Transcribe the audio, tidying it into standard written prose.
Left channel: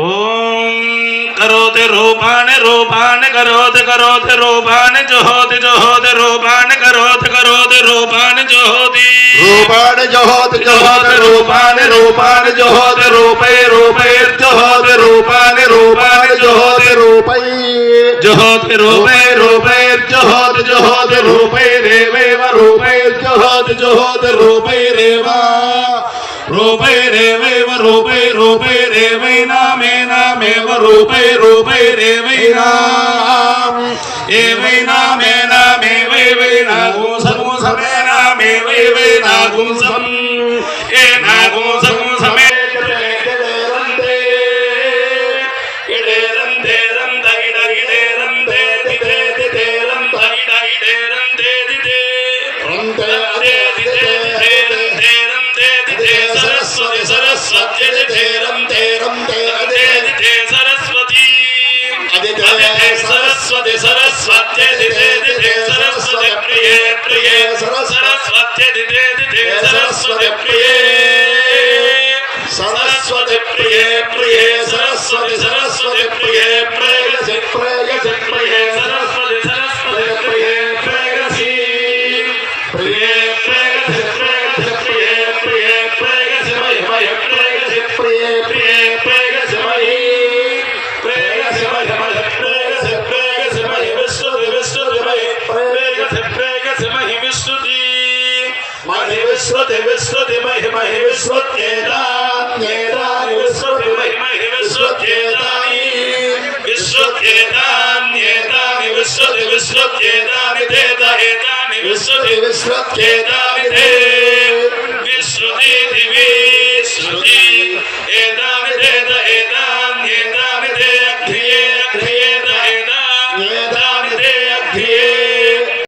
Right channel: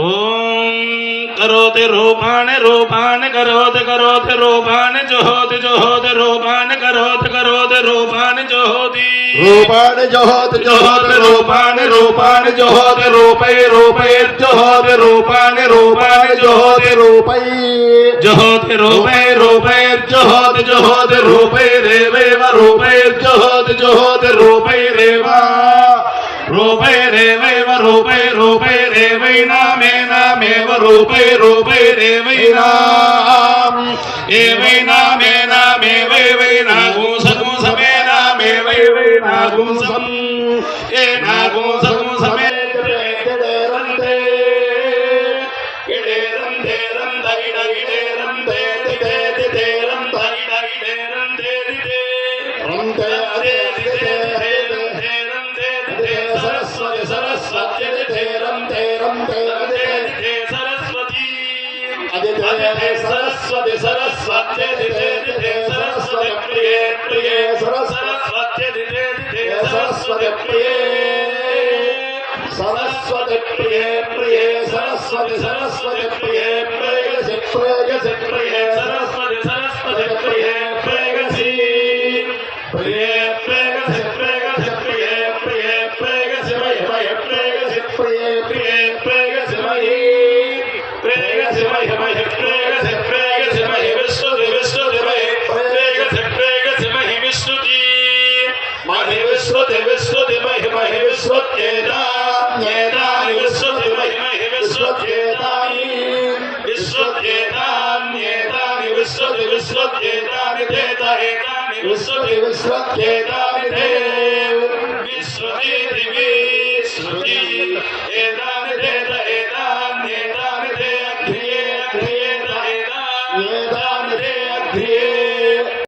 ओम करोति रूपाणि रूपाणि करोति करोति रूपाणि जुहोति जुहोति रूपाणि करोति करोति रूपाणि जुहोति रूपाणि जुहोति जुहोति रूपाणि रूपाणि जुहोति रूपै रूपै जुहोति रूपाणि रूपाणि जुहोति रूपै जुहोति रूपै रूपै जुहोति जुहोति रूपै रेवैव रूपै जुहोति जुहोति रूपै रेव रूपै रेवैव रूपै रूपै रेवै नामे नामेव रूपै रूपै रेवै नाम एवै नामे नामे वै वै नागुं सगुं समे नामे वै वै नागुं सम ए नागुं सगुं समे सरस्वती सरस्वती दिते दिते सरस्वती प्रिये प्रिये सरस्वती दिते दिते सरस्वती प्रिये सरस्वती प्रिये प्रिये सरस्वती सरस्वती प्रिये प्रेयसी प्रेयसी प्रिये सरस्वती सरस्वती प्रिये प्रेयसी प्रिये प्रेयसी प्रेयसी प्रिये प्रिये प्रेयसी मय मय प्रेयसी प्रिये प्रिये प्रेयसी मय प्रेयसी मय मय प्रेयसी प्रेयसी मय विष्णुति विष्णुति मय प्रेयसी प्रेयसी मय विष्णुति मय विष्णुति विष्णुति मय मय विष्णुत्येतान्येतानि विष्णुति मय मय विष्णुत्येतानि विष्णुत्येतान्येतानि विष्णुति विष्णुत्येतानि तेता एतानि विष्णुति विष्णुत्येतानि ते विष्णुति